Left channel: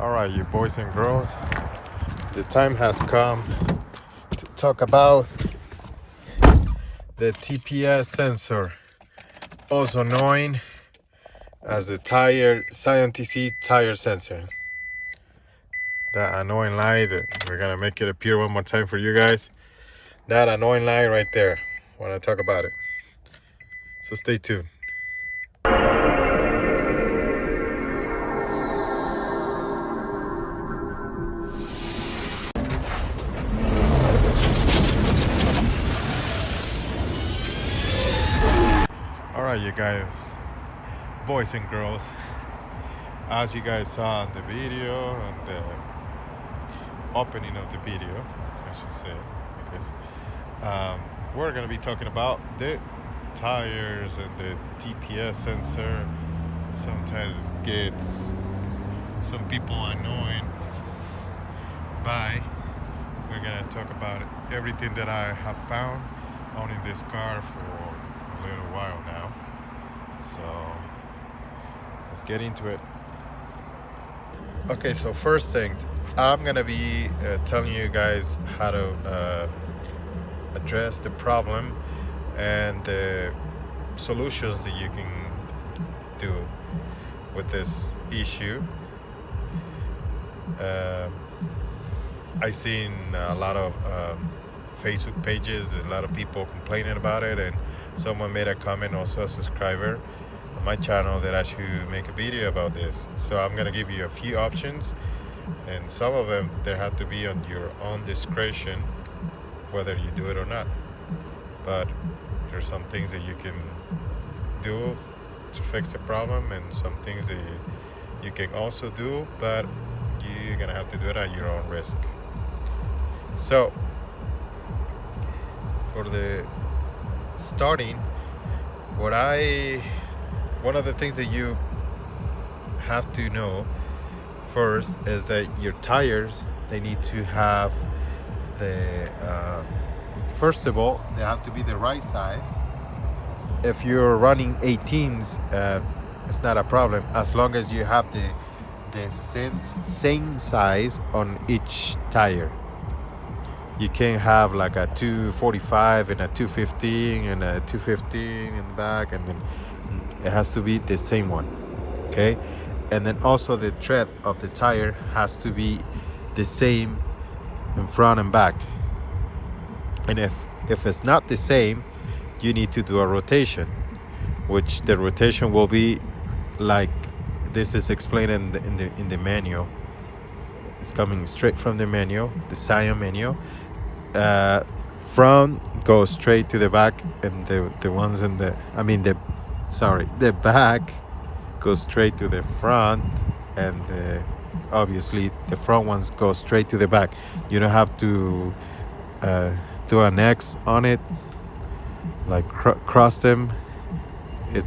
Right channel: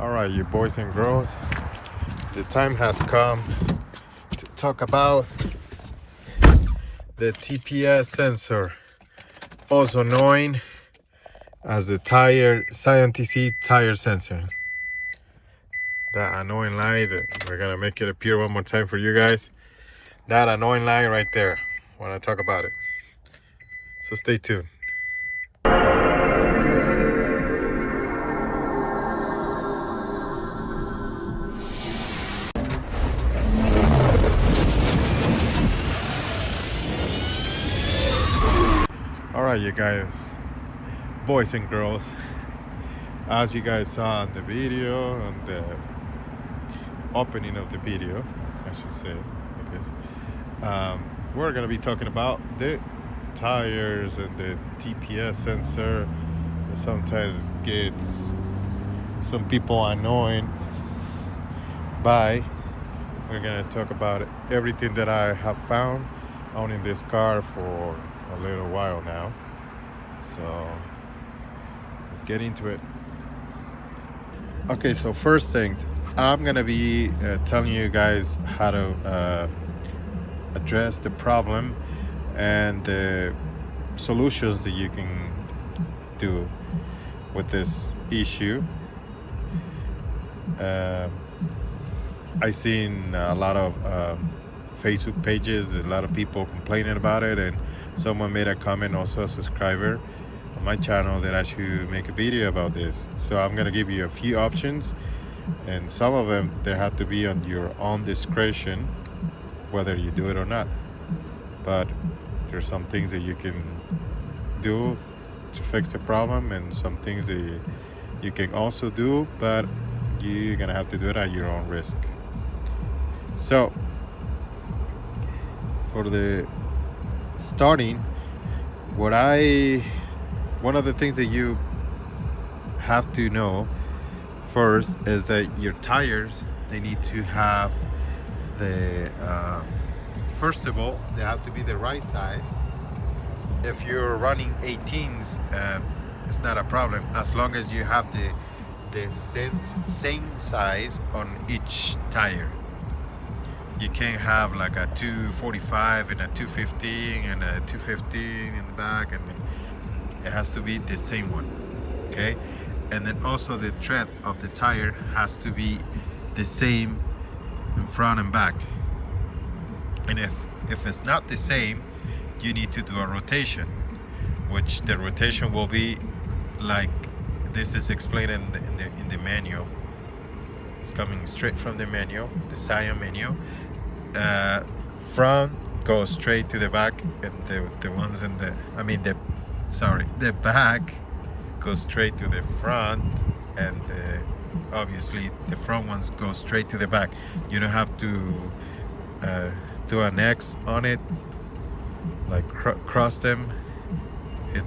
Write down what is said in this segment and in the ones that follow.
All right, you boys and girls, the time has come to talk about the TPS sensor, also known as the Scion TC tire sensor. That annoying light, we're gonna make it appear one more time for you guys. That annoying light right there, when I talk about it. So stay tuned. All right, you guys, boys and girls, as you guys saw in the video, on the opening of the video, I should say, I guess, we're gonna be talking about the tires and the TPS sensor. It sometimes gets some people annoyed by. We're gonna talk about everything that I have found owning this car for a little while now. So let's get into it. Okay, so first things, I'm gonna be telling you guys how to address the problem and the solutions that you can do with this issue. I've seen a lot of Facebook pages, a lot of people complaining about it, and someone made a comment, also a subscriber on my channel, that I should make a video about this. So I'm gonna give you a few options, and some of them they have to be on your own discretion whether you do it or not. But there's some things that you can do to fix the problem, and some things that you can also do, but you're gonna have to do it at your own risk. So for the starting, one of the things that you have to know first is that your tires, they need to have the first of all, they have to be the right size. If you're running 18s, it's not a problem, as long as you have the same size on each tire. You can have like a 245 and a 215 and a 215 in the back, and then it has to be the same one, okay? And then also the tread of the tire has to be the same in front and back. And if it's not the same, you need to do a rotation, which the rotation will be like this is explained in the manual. It's coming straight from the manual, the Scion manual. Front goes straight to the back, and the ones in the the back goes straight to the front, and obviously the front ones go straight to the back. You don't have to do an X on it, like cross them. It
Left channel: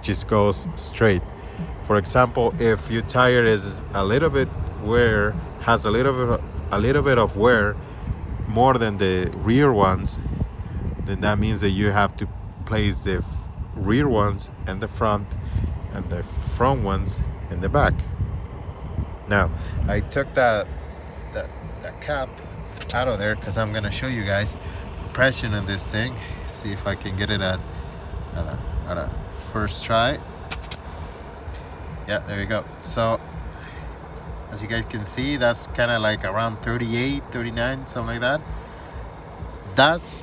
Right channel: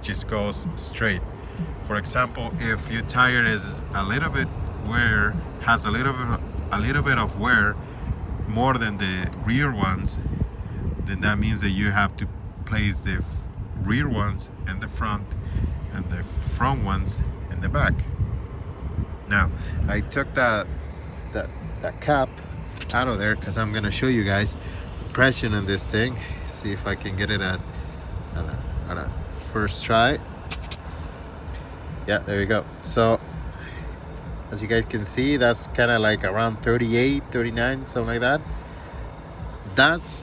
just goes straight. For example, if your tire is a little bit wear, has a little bit of wear more than the rear ones, then that means that you have to place the rear ones in the front and the front ones in the back. Now I took that cap out of there because I'm gonna show you guys pressure on this thing. See if I can get it at a first try. Yeah, there we go. So as you guys can see, that's kind of like around 38, 39, something like that. That's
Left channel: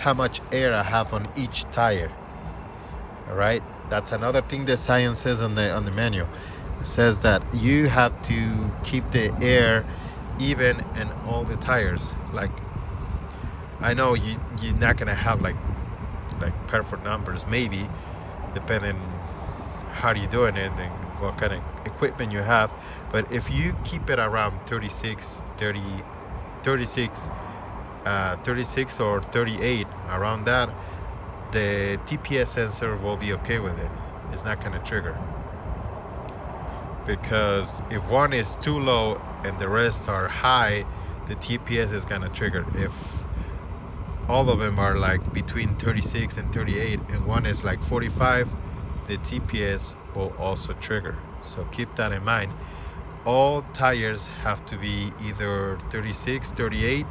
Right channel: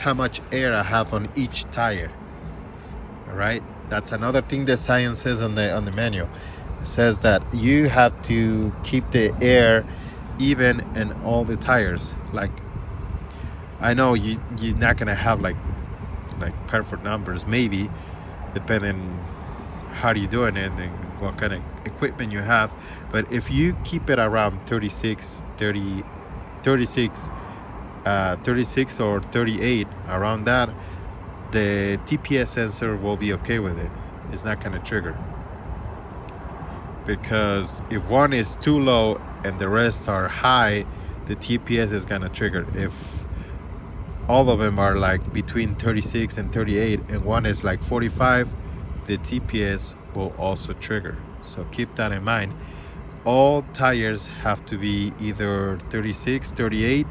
how much air I have on each tire. All right, that's another thing that Scion says on the manual. It says that you have to keep the air even in all the tires. Like, I know you're not gonna have like perfect numbers, maybe, depending how you're doing it and what kind of equipment you have. But if you keep it around 36 or 38, around that, the TPS sensor will be okay with it. It's not gonna trigger, because if one is too low and the rest are high, the TPS is gonna trigger. If all of them are like between 36 and 38 and one is like 45, the TPS will also trigger. So keep that in mind. all tires have to be either 36, 38,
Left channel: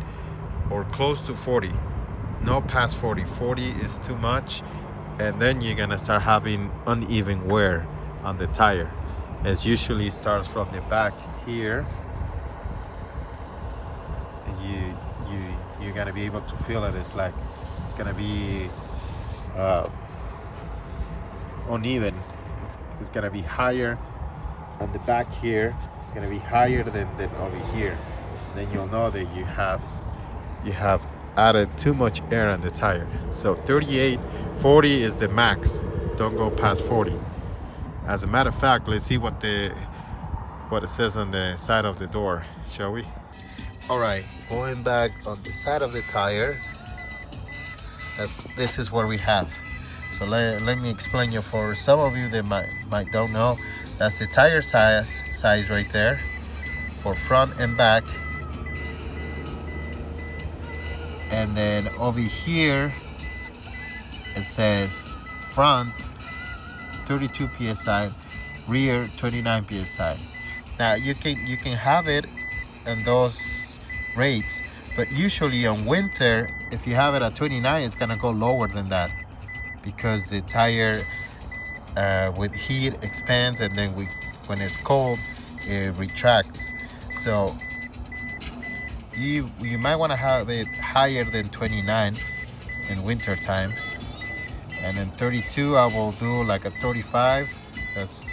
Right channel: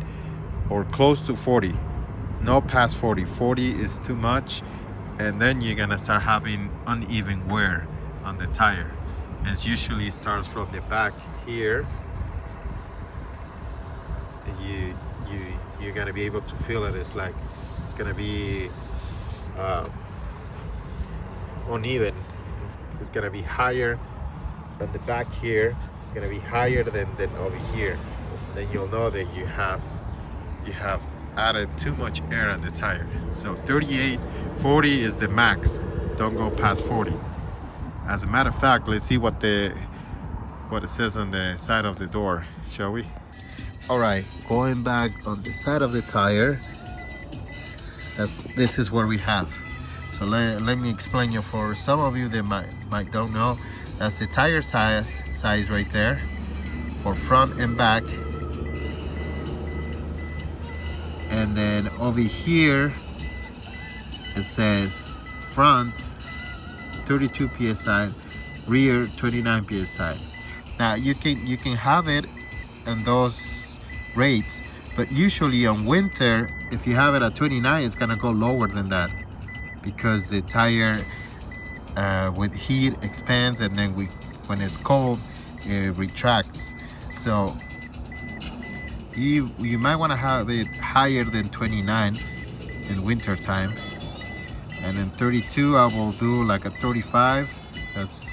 or close to 40. No past 40. 40 is too much, and then you're gonna start having uneven wear on the tire. It usually starts from the back here. You you you're gonna be able to feel it. It's like it's gonna be uh, uneven. It's gonna be higher on the back here. It's gonna be higher than over here. Then you'll know that you have added too much air on the tire. So 38, 40 is the max. Don't go past 40. As a matter of fact, let's see what it says on the side of the door, shall we? All right, going back on the side of the tire, this is where we have. So let me explain you, for some of you that might don't know, that's the tire size right there for front and back. And then over here it says front 32 psi, rear 29 psi. Now you can have it in those rates, but usually on winter, if you have it at 29, it's gonna go lower than that, because the tire with heat expands, and then when it's cold it retracts. So you might want to have it higher than 29 in winter time, and then 32 I will do like a 35. That's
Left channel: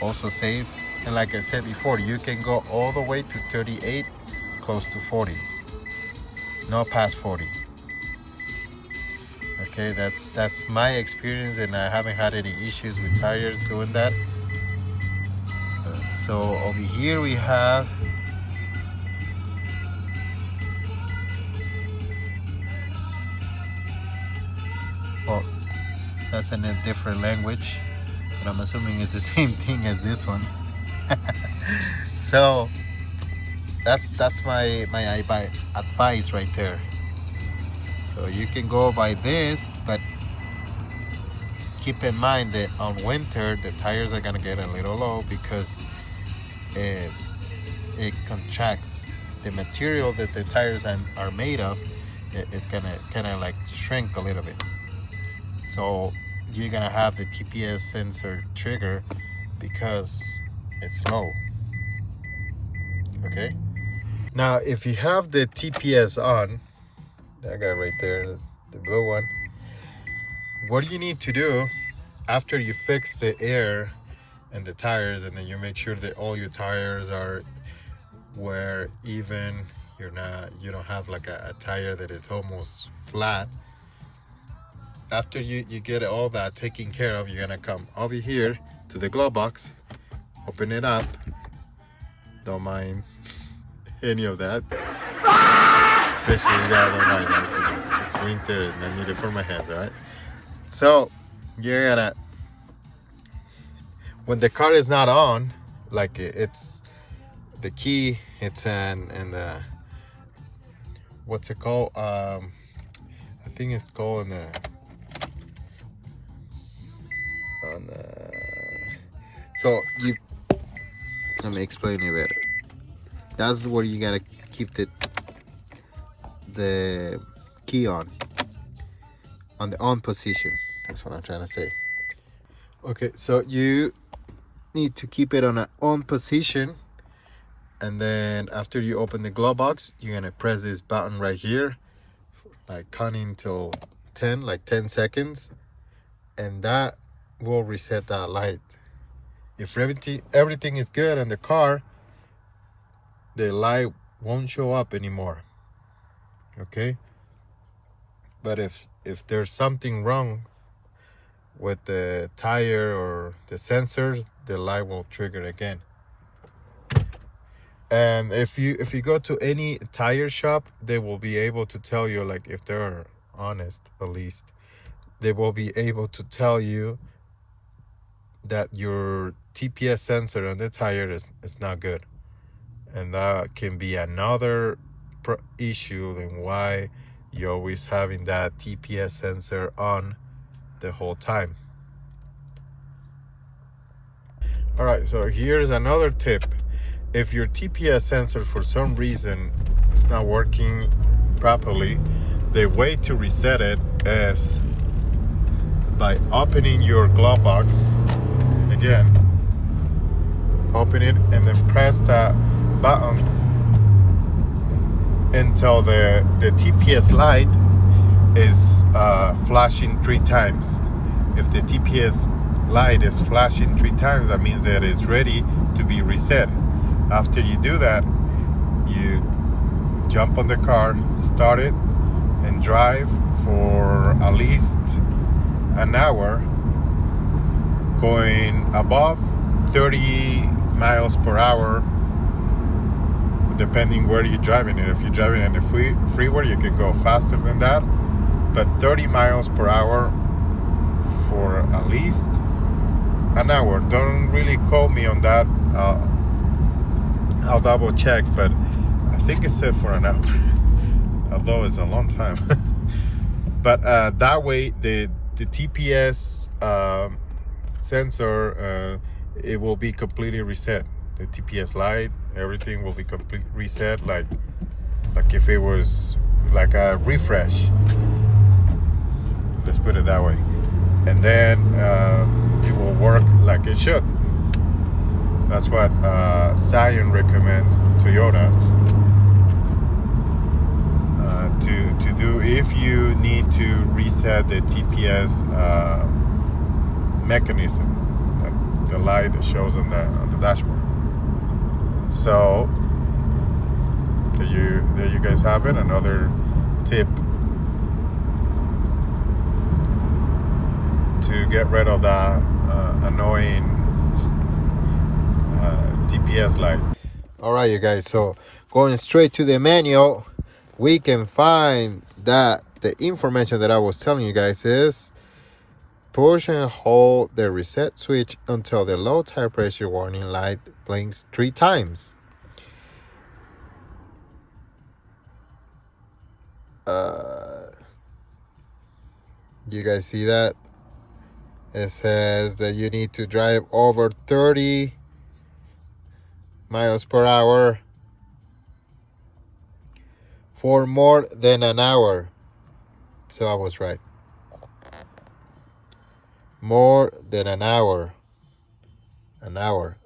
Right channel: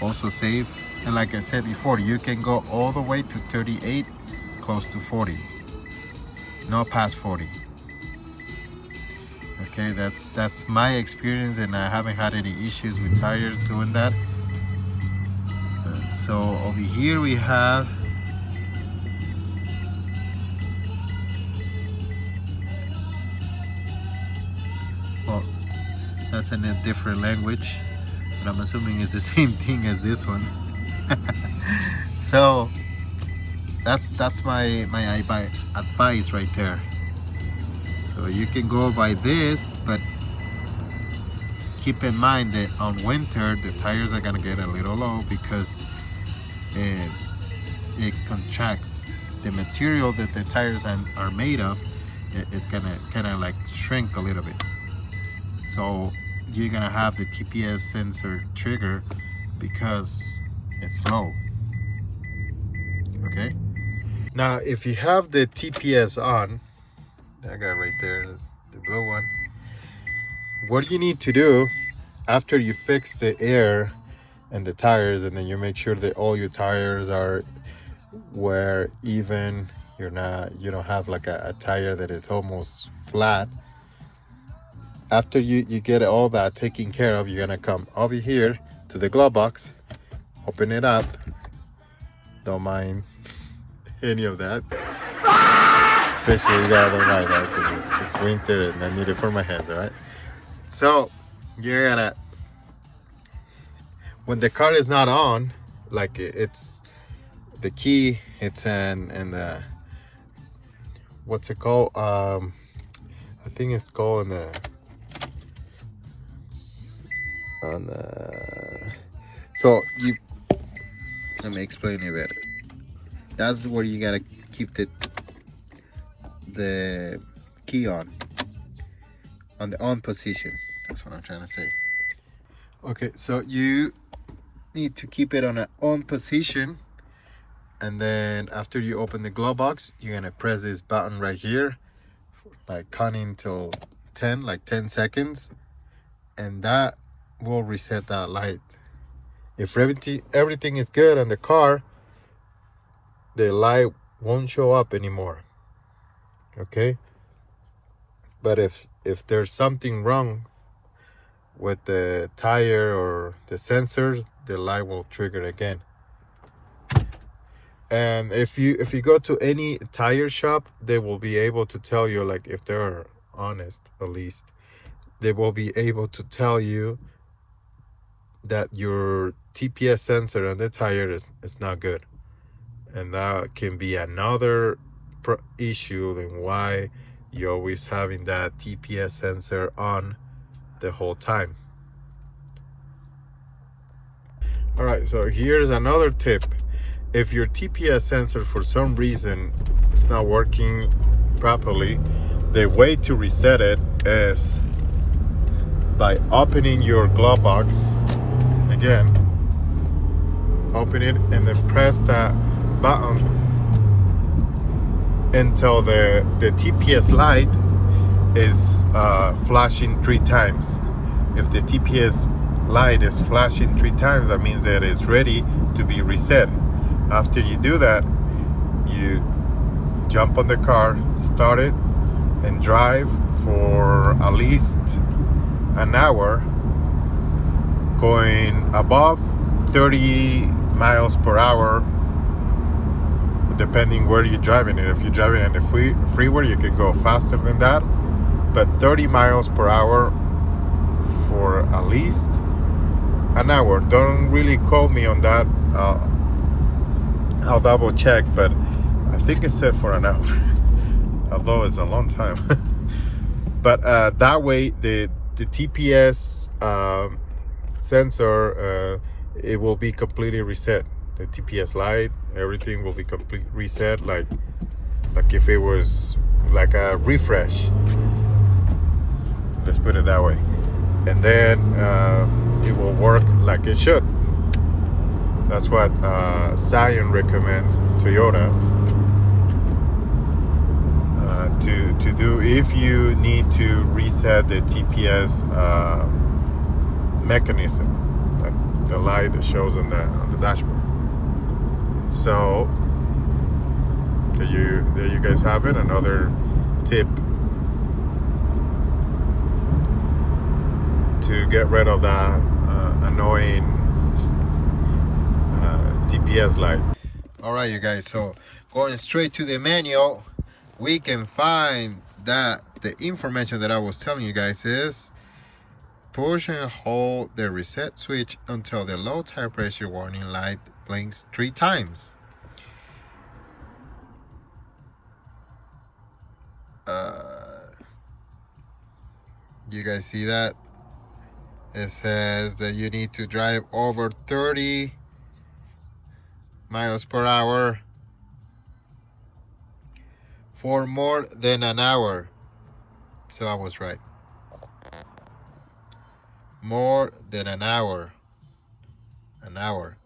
also safe. And like I said before, you can go all the way to 38, close to 40, no past 40. Okay, that's my experience, and I haven't had any issues with tires doing that. So over here we have that's in a different language, but I'm assuming it's the same thing as this one. So that's my advice right there. So you can go by this, but keep in mind that on winter the tires are gonna get a little low, because it contracts. The material that the tires are made of, it's gonna kind of like shrink a little bit. So you're gonna have the TPS sensor trigger because it's low. Okay, now if you have the TPS on, that guy right there, the blue one, what you need to do after you fix the air and the tires, and then you make sure that all your tires are where even you don't have like a tire that is almost flat. After you get all that taken care of, you're gonna come over here to the glove box, open it up. Don't mind any of that, especially that. Don't mind that, because it's winter and I need it for my hands. All right, so you're gonna, when the car is not on, like it's the key, it's in the, what's it called, I think it's called so let me explain it better. That's where you gotta keep the key on the on position. That's what I'm trying to say. Okay, so you need to keep it on an on position, and then after you open the glove box, you're gonna press this button right here, like counting till 10, like 10 seconds, and that will reset that light. If everything is good on the car, the light won't show up anymore. Okay, but if there's something wrong with the tire or the sensors, the light will trigger again. And if you go to any tire shop, they will be able to tell you, like, if they're honest, at least they will be able to tell you that your TPS sensor on the tire is not good, and that can be another issue than why you're always having that TPS sensor on the whole time. All right, so here's another tip. If your TPS sensor for some reason is not working properly, the way to reset it is by opening your glove box again. Open it and then press that button until the TPS light is flashing 3 times. If the TPS light is flashing 3 times, that means that it's ready to be reset. After you do that, you jump on the car, start it, and drive for at least an hour, going above 30 miles per hour, depending where you're driving it. If you're driving in the freeway, you can go faster than that, but 30 miles per hour for at least an hour. Don't really quote me on that. I'll double check, but I think it said for an hour, although it's a long time. But that way the TPS sensor, it will be completely reset. The TPS light, everything will be completely reset, like if it was like a refresh, let's put it that way. And then it will work like it should. That's what Scion recommends Toyota to do if you need to reset the TPS mechanism, the light that shows on the dashboard. So there you guys have it. Another tip to get rid of that annoying TPS light. All right, you guys, so going straight to the manual, we can find that the information that I was telling you guys is push and hold the reset switch until the low tire pressure warning light blinks 3 times. You guys see that? It says that you need to drive over 30 miles per hour for more than an hour. So I was right. More than an hour. An hour.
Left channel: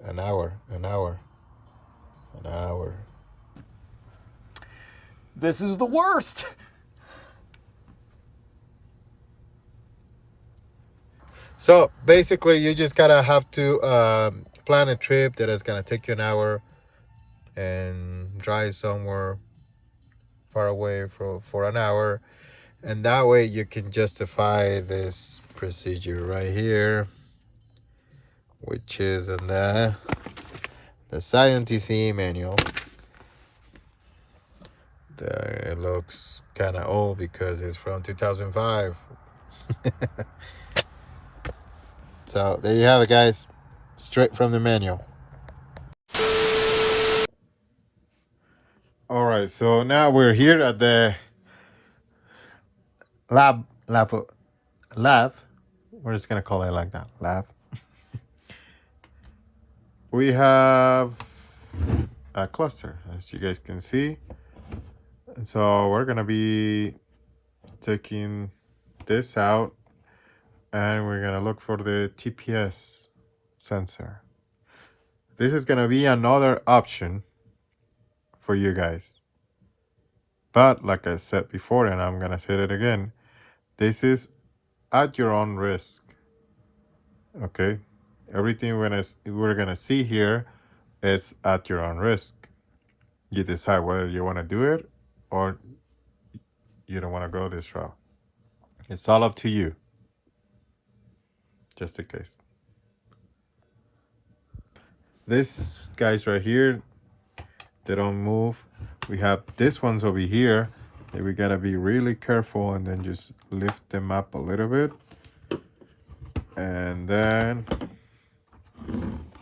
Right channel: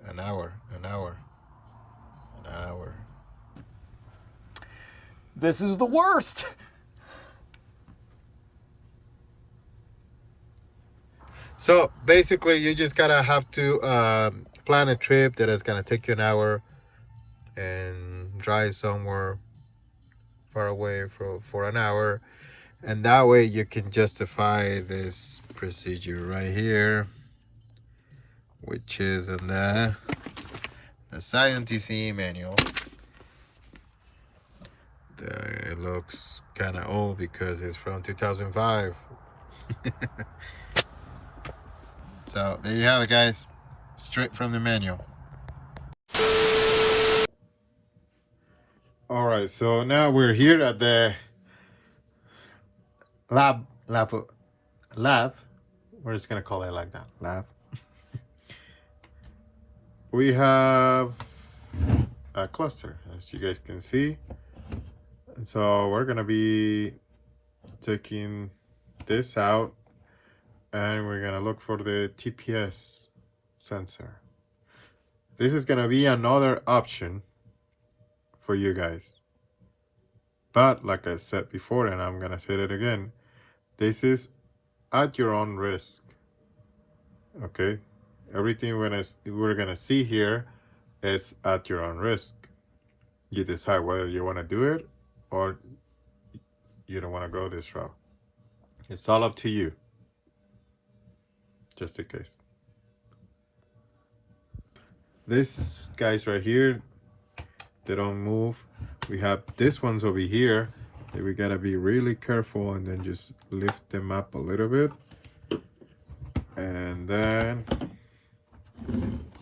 This is the worst. So basically, you just gotta have to plan a trip that is gonna take you an hour and drive somewhere far away for an hour, and that way you can justify this procedure right here, which is in the Scion TC manual. There, it looks kind of old because it's from 2005. So there you have it, guys, straight from the manual. All right, so now we're here at the lab. We're just gonna call it like that, lab. We have a cluster, as you guys can see. And so we're gonna be taking this out, and we're gonna look for the TPS sensor. This is gonna be another option for you guys, but like I said before, and I'm gonna say it again, this is at your own risk. Okay, everything we're gonna see here is at your own risk. You decide whether you want to do it or you don't want to go this route. It's all up to you. Just in case. This guys right here, they don't move. We have this ones over here that we gotta be really careful, and then just lift them up a little bit, and then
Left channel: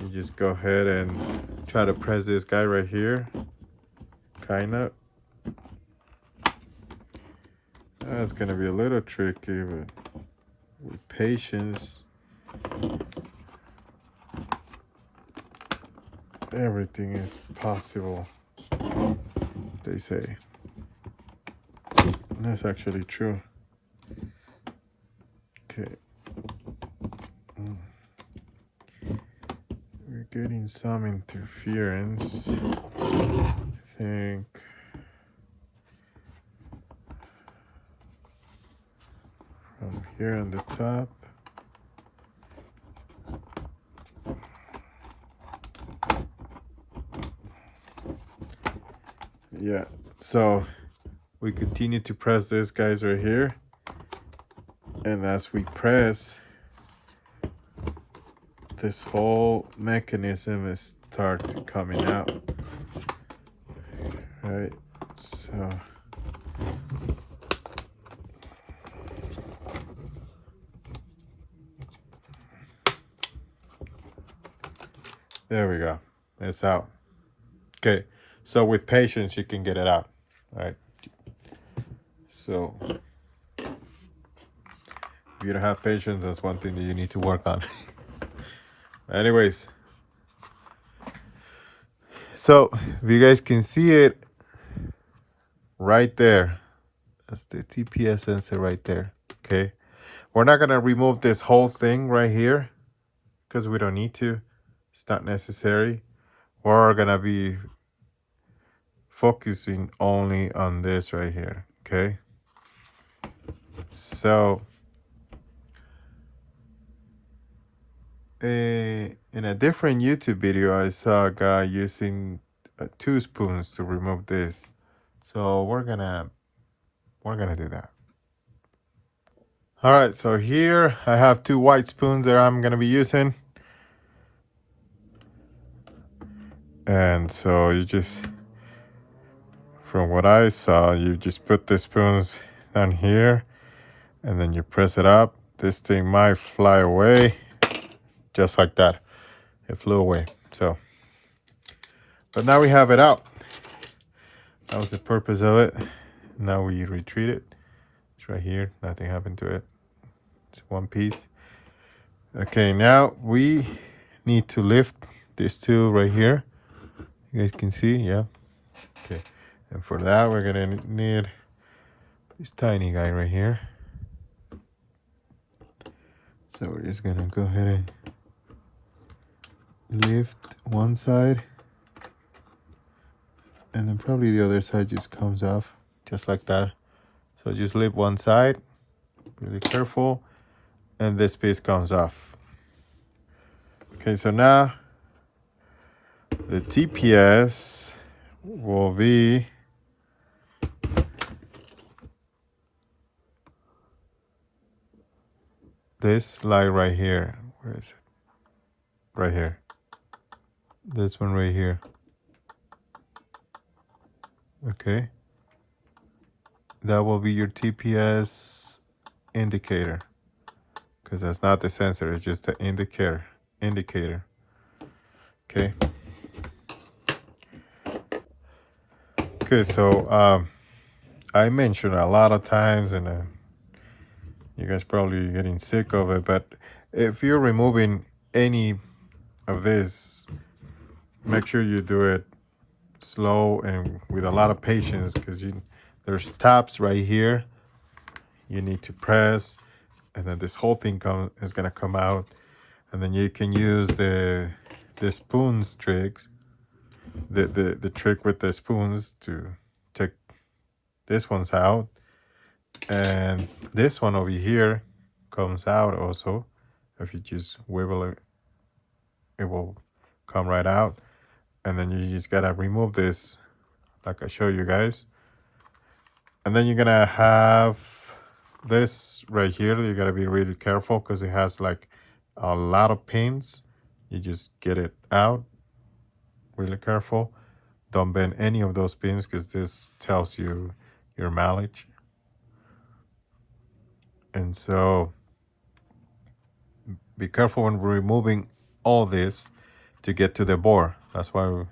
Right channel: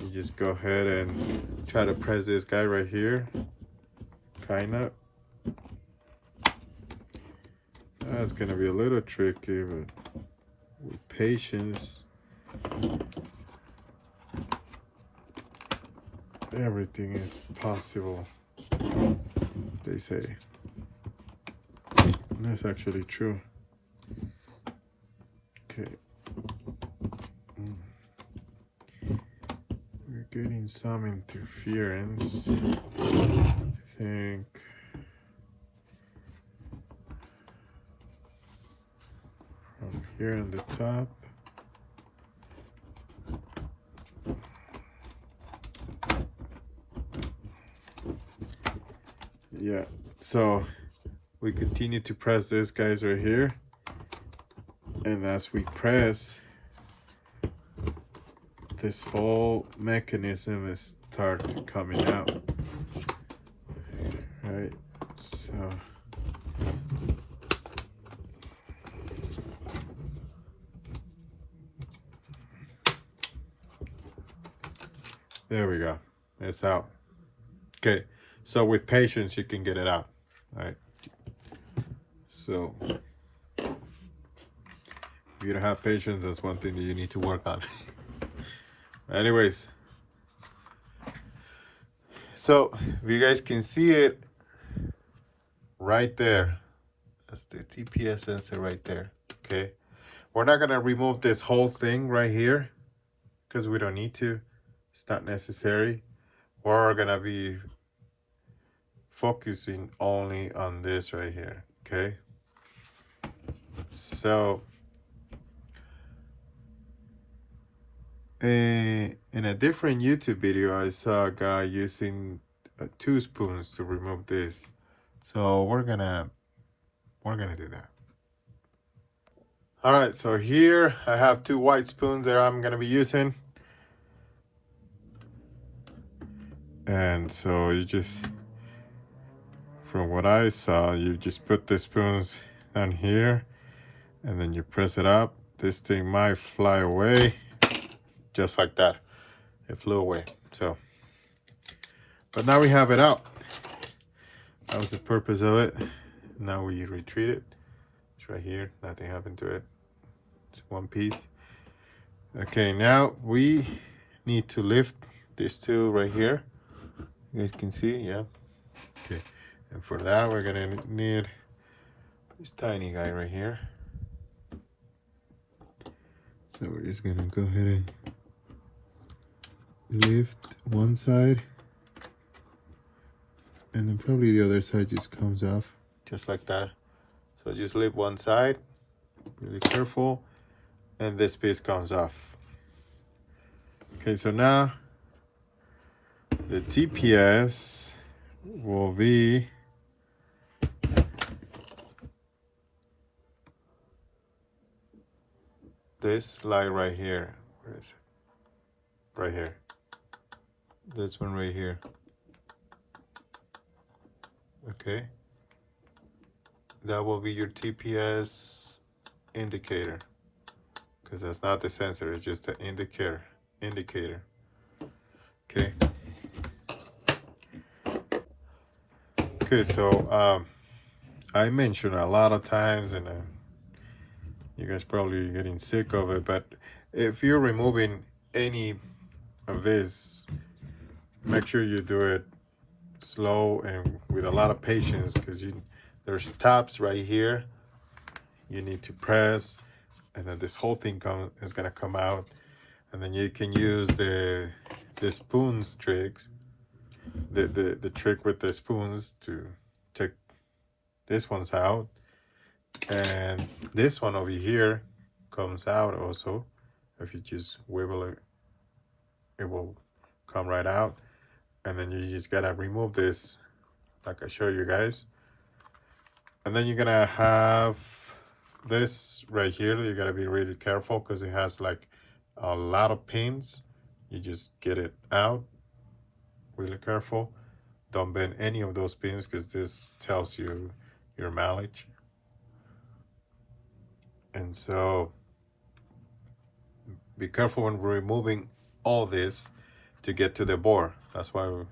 you just go ahead and try to press this guy right here, kind of. That's gonna be a little tricky, but with patience everything is possible, they say. And that's actually true. Okay. We're getting some interference, I think. From here on the top. Yeah, so we continue to press this, guys, right here. And as we press, this whole mechanism is start to coming out. Right, so there we go. It's out. Okay, so with patience, you can get it out. All right. So if you don't have patience, that's one thing that you need to work on. Anyways, so if you guys can see it right there, that's the TPS sensor right there. Okay, we're not gonna remove this whole thing right here because we don't need to. It's not necessary. We're gonna be focusing only on this right here. Okay, so in a different YouTube video, I saw a guy using 2 spoons to remove this. So we're gonna do that. All right, so here I have 2 white spoons that I'm gonna be using. And so you just, from what I saw, you just put the spoons down here and then you press it up. This thing might fly away, just like that. It flew away. So, but now we have it out. That was the purpose of it. Now we retreat it. It's right here. Nothing happened to it. It's one piece. Okay, now we need to lift these 2 right here. You guys can see, yeah. Okay, and for that we're gonna need this tiny guy right here. So we're just gonna go ahead and lift one side, and then probably the other side just comes off, just like that. So just lift one side, really careful, and this piece comes off. Okay, so now the TPS will be this light right here. Where is it? Right here. This one right here. Okay. That will be your TPS indicator. Because that's not the sensor, it's just the indicator. Okay. Okay, so I mentioned a lot of times, and you guys probably getting sick of it, but if you're removing any of this, make sure you do it slow and with a lot of patience, because there's tabs right here you need to press, and then this whole thing is gonna come out, and then you can use the spoons tricks, the trick with the spoons to take this one's out, and this one over here comes out also. If you just wiggle it, it will come right out, and then you just gotta remove this like I show you guys. And then you're gonna have this right here. You gotta be really careful because it has like a lot of pins. You just get it out really careful. Don't bend any of those pins because this tells you your mileage. And so be careful when removing all this to get to the bore. That's why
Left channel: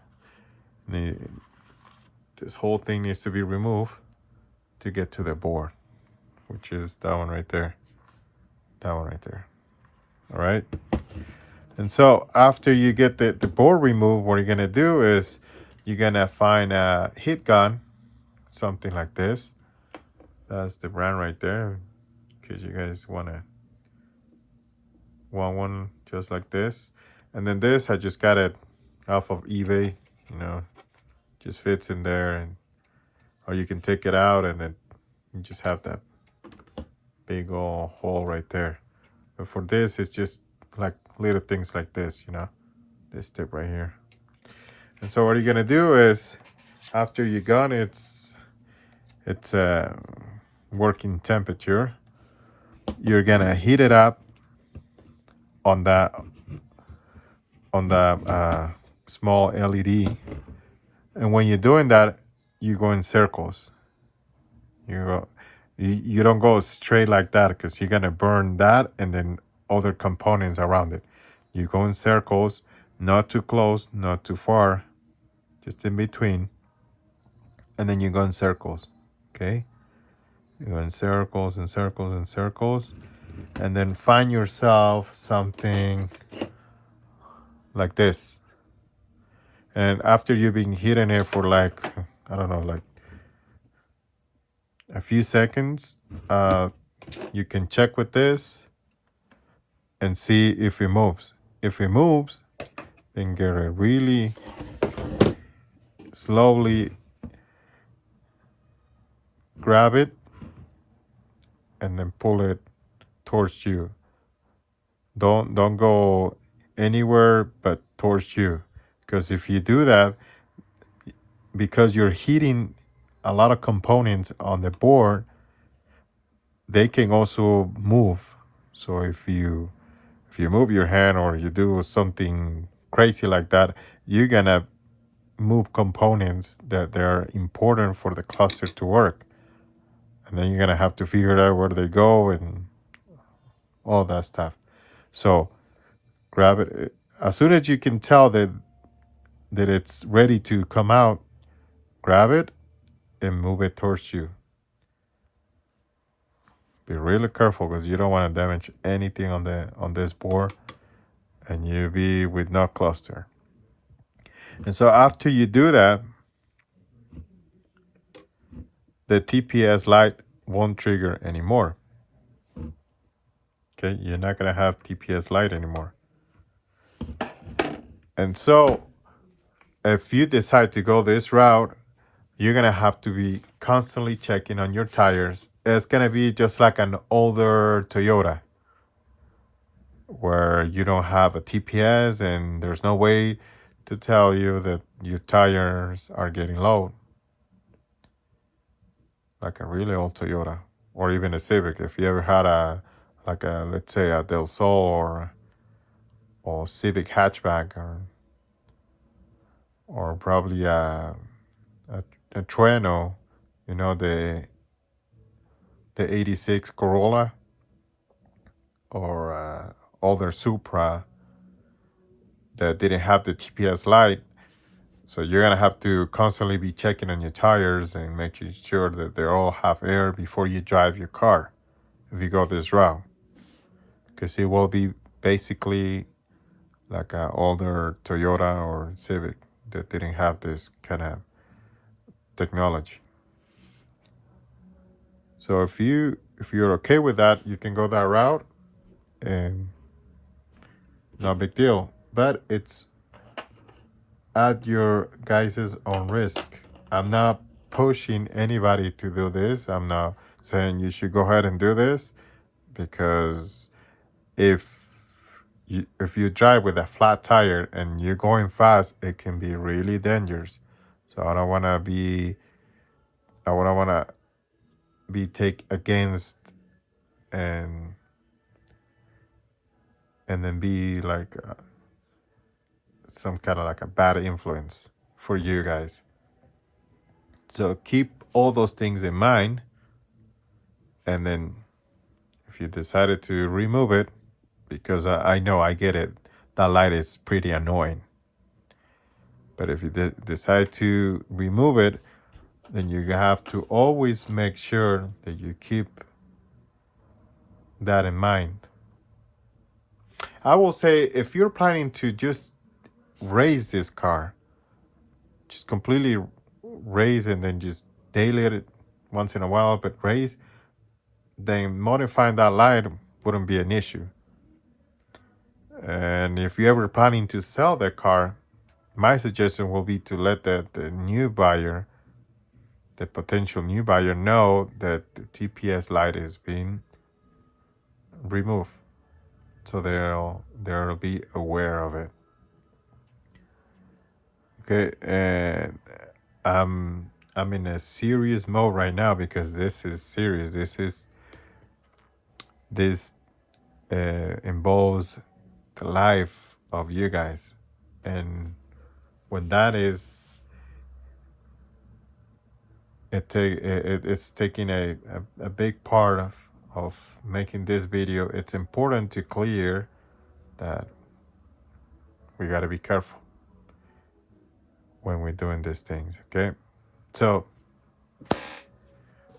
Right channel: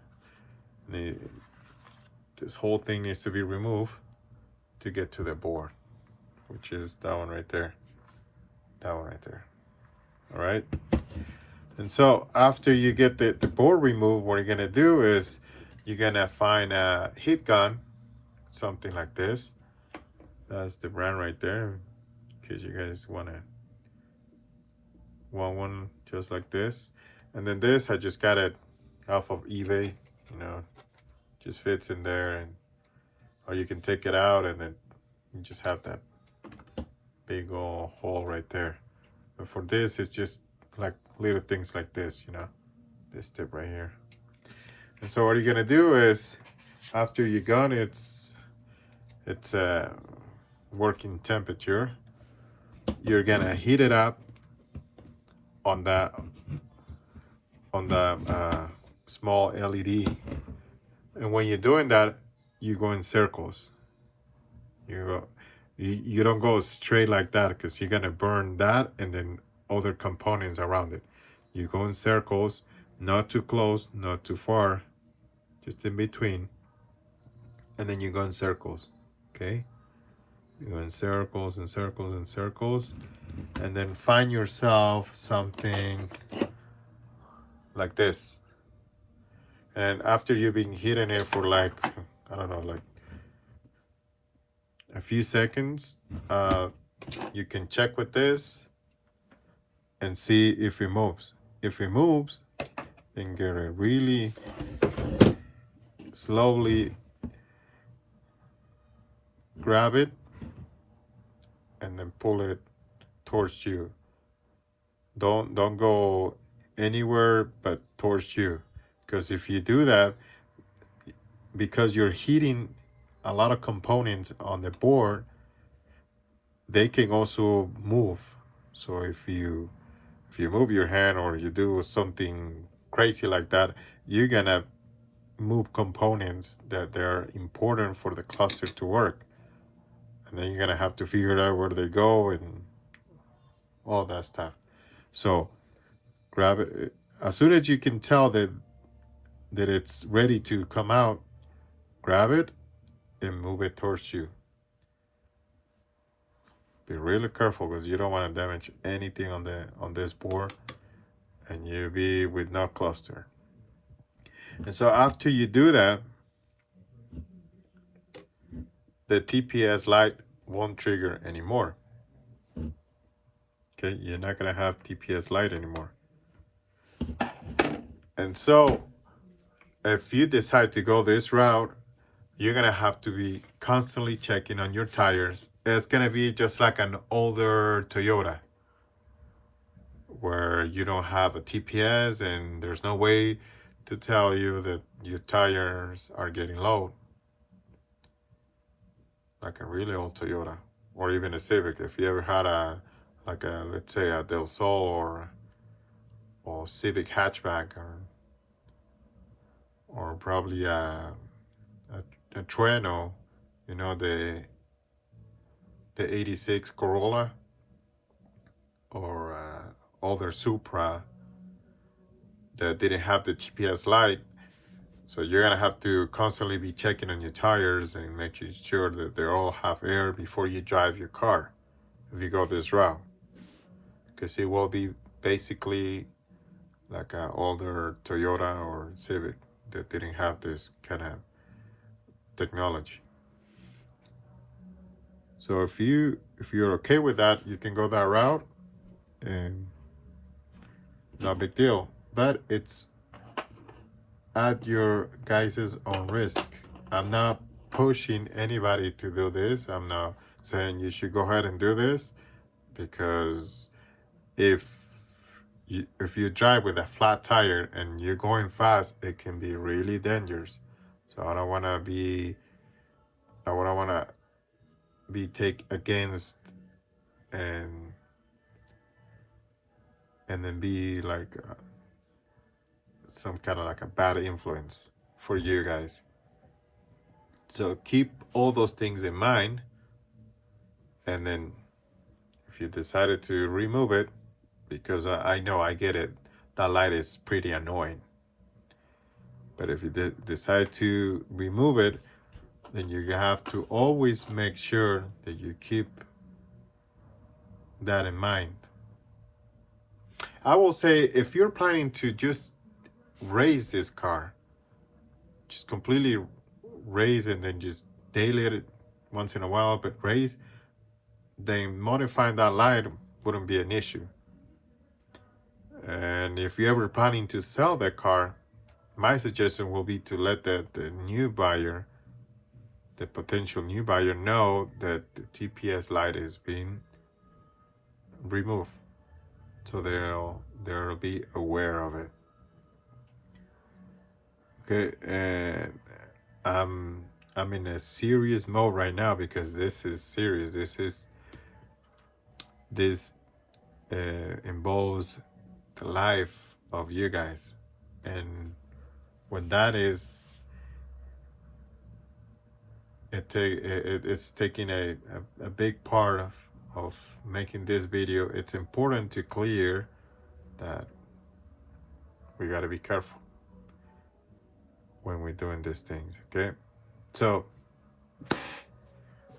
this whole thing needs to be removed to get to the bore, which is that one right there. That one right there. All right. And so after you get the board removed, what you're gonna do is you're gonna find a heat gun, something like this. That's the brand right there, in case you guys want one just like this. And then this, I just got it off of eBay, you know, just fits in there, and or you can take it out and then you just have that big old hole right there. But for this, it's just like little things like this, you know, this tip right here. And so what you're gonna do is, after you gun it's working temperature, you're gonna heat it up on that small LED. And when you're doing that, you go in circles. You don't go straight like that, because you're gonna burn that and then other components around it. You go in circles, not too close, not too far, just in between. And then you go in circles, okay? You go in circles and circles and circles, and then find yourself something like this. And after you've been hitting it for like, I don't know, like a few seconds, you can check with this and see if it moves. If it moves, then get it really slowly, grab it and then pull it towards you. Don't go anywhere but towards you, because if you do that, because you're heating a lot of components on the board, they can also move. So if you move your hand or you do something crazy like that, you're gonna move components that they're important for the cluster to work, and then you're gonna have to figure out where they go and all that stuff. So grab it as soon as you can tell that it's ready to come out. Grab it and move it towards you. Be really careful, because you don't want to damage anything on this board, and you be with no cluster. And so after you do that, the TPS light won't trigger anymore. Okay, you're not gonna have TPS light anymore. And so if you decide to go this route, you're gonna have to be constantly checking on your tires. It's gonna be just like an older Toyota, where you don't have a TPS and there's no way to tell you that your tires are getting low. Like a really old Toyota, or even a Civic. If you ever had let's say a Del Sol or Civic hatchback, or probably a Trueno, you know, the 86 Corolla, or older Supra that didn't have the TPS light. So you're gonna have to constantly be checking on your tires and making sure that they all have air before you drive your car, if you go this route, because it will be basically like an older Toyota or Civic that didn't have this kind of technology. So if you're okay with that, you can go that route, and no big deal. But it's at your guys' own risk. I'm not pushing anybody to do this. I'm not saying you should go ahead and do this, because if you drive with a flat tire and you're going fast, it can be really dangerous. So I don't want to be take against and then be like some kind of like a bad influence for you guys. So keep all those things in mind, and then if you decided to remove it, because I know, I get it, that light is pretty annoying, but if you decide to remove it, then you have to always make sure that you keep that in mind. I will say, if you're planning to just raise this car, just completely raise and then just daily it once in a while, but raise, then modifying that light wouldn't be an issue. And if you're ever planning to sell the car, my suggestion will be to let the new buyer, the potential new buyer, know that the TPS light is being removed, so they'll be aware of it. Okay, and I'm in a serious mode right now because this is serious. This involves the life of you guys, and when that is, it's taking a big part of making this video. It's important to clear that we got to be careful when we're doing these things. Okay, so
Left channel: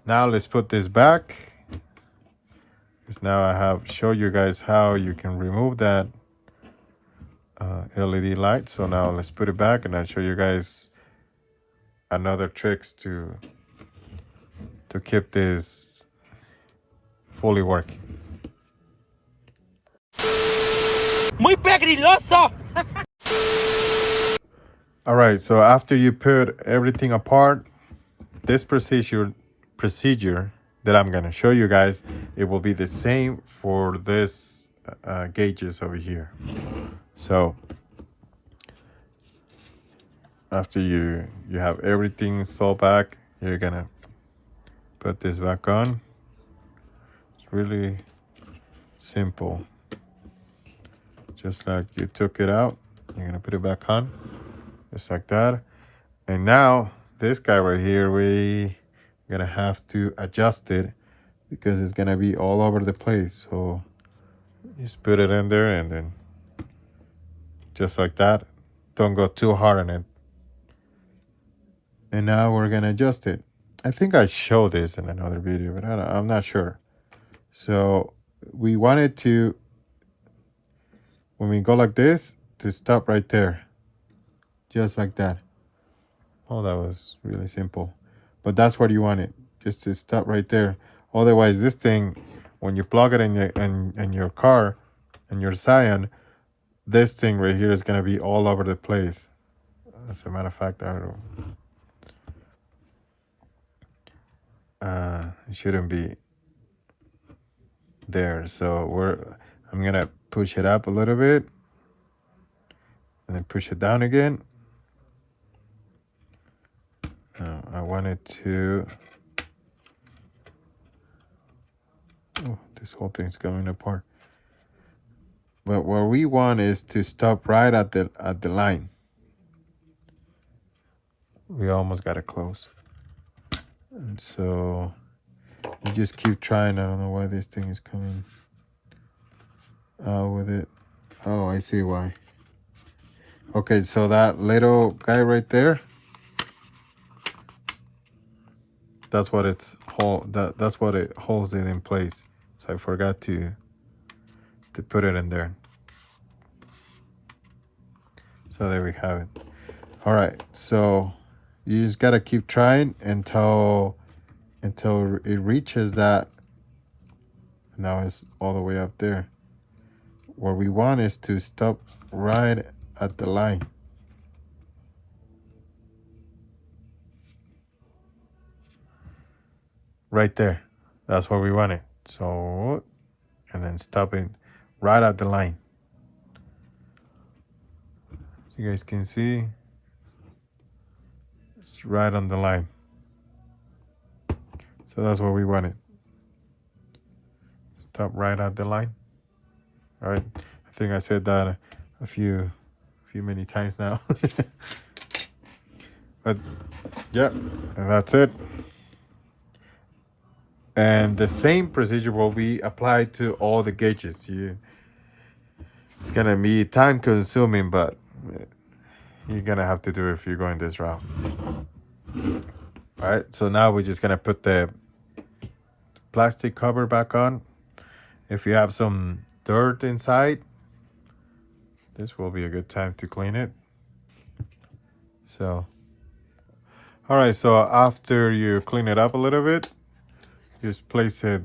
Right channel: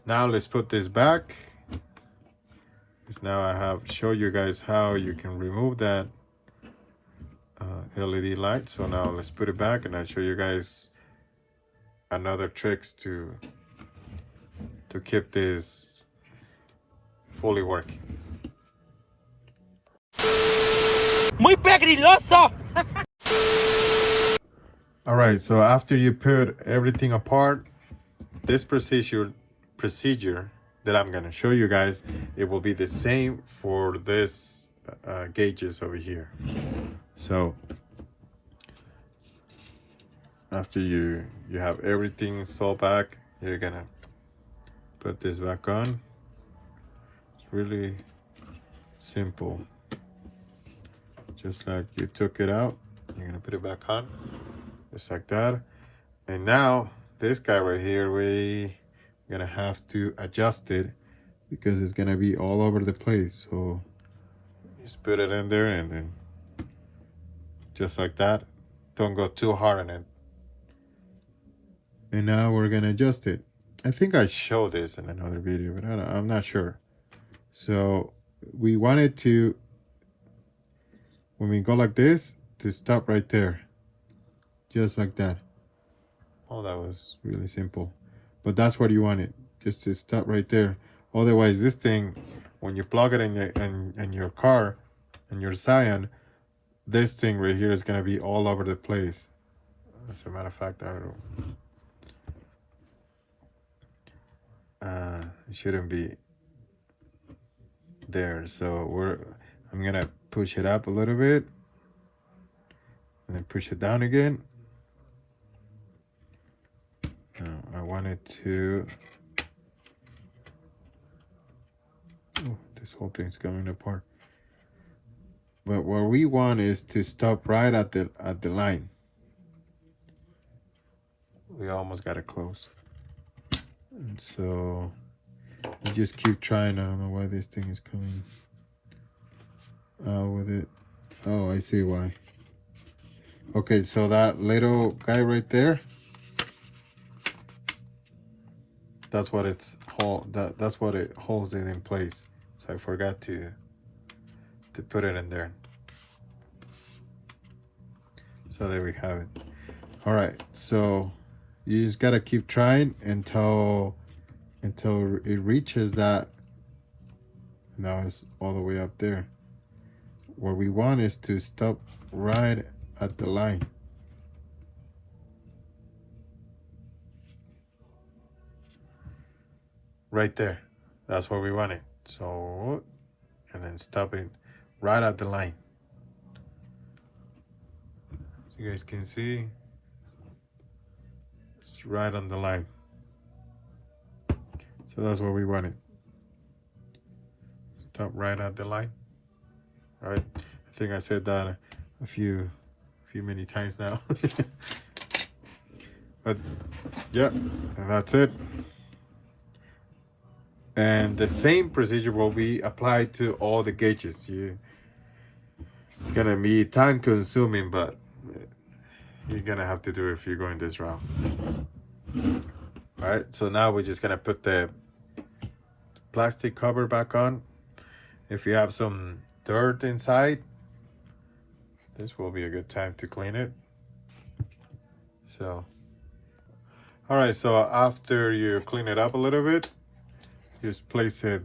now let's put this back, because now I have shown you guys how you can remove that LED light. So now let's put it back, and I'll show you guys another tricks to keep this fully working. Muy pegriloso. All right, so after you put everything apart, this procedure that I'm gonna show you guys, it will be the same for this gauges over here. So after you have everything installed back, you're gonna put this back on. It's really simple. Just like you took it out, you're gonna put it back on, just like that. And now this guy right here, we're gonna have to adjust it because it's gonna be all over the place. So just put it in there, and then just like that. Don't go too hard on it. And now we're gonna adjust it. I think I showed this in another video, but I'm not sure. So we wanted to, when we go like this, to stop right there, just like that. Oh, that was really simple, but that's what you want it, just to stop right there. Otherwise, this thing, when you plug it in your car, in your Scion, this thing right here is gonna be all over the place. As a matter of fact, it shouldn't be there. So I'm gonna push it up a little bit, and then push it down again. Now I want it to. Oh, this whole thing's coming apart. But what we want is to stop right at the line. We almost got it close. And so you just keep trying. I don't know why this thing is coming out with it. Oh, I see why. Okay, so that little guy right there, that's what that's what it holds it in place. So I forgot to put it in there. So there we have it. All right, so you just gotta keep trying until it reaches that. Now it's all the way up there. What we want is to stop right at the line. Right there. That's where we want it. So, and then stopping right at the line. So you guys can see it's right on the line. So that's what we wanted. Stop right at the line. All right. I think I said that a few many times now. But yeah, and that's it. And the same procedure will be applied to all the gauges. It's gonna be time consuming, but you're gonna have to do it if you're going this route. All right, so now we're just gonna put the plastic cover back on. If you have some dirt inside, this will be a good time to clean it. So, all right, so after you clean it up a little bit, just place it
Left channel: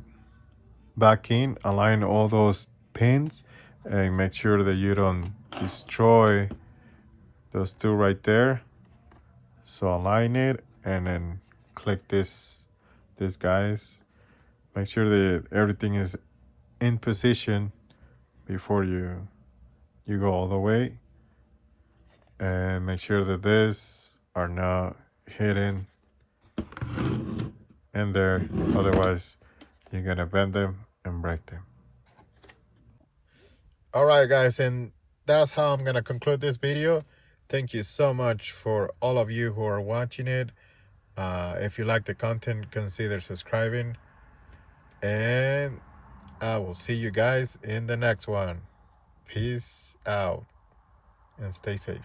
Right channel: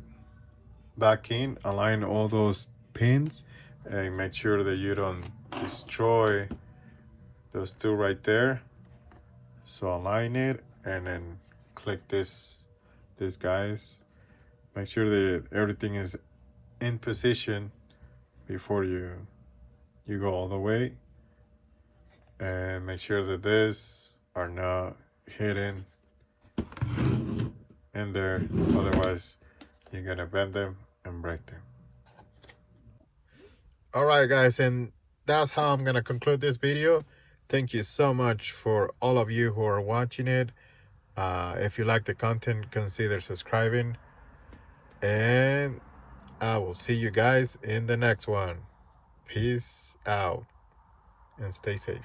back in, align all those pins, and make sure that you don't destroy those two right there. So align it and then click this guys. Make sure that everything is in position before you go all the way, and make sure that these are not hidden in there, otherwise you're gonna bend them and break them. All right guys, and that's how I'm gonna conclude this video. Thank you so much for all of you who are watching it. If you like the content, consider subscribing, and I will see you guys in the next one. Peace out and stay safe.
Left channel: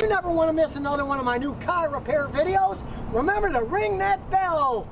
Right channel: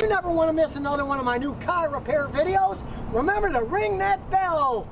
You never want to miss another one of my new car repair videos. Remember to ring that bell.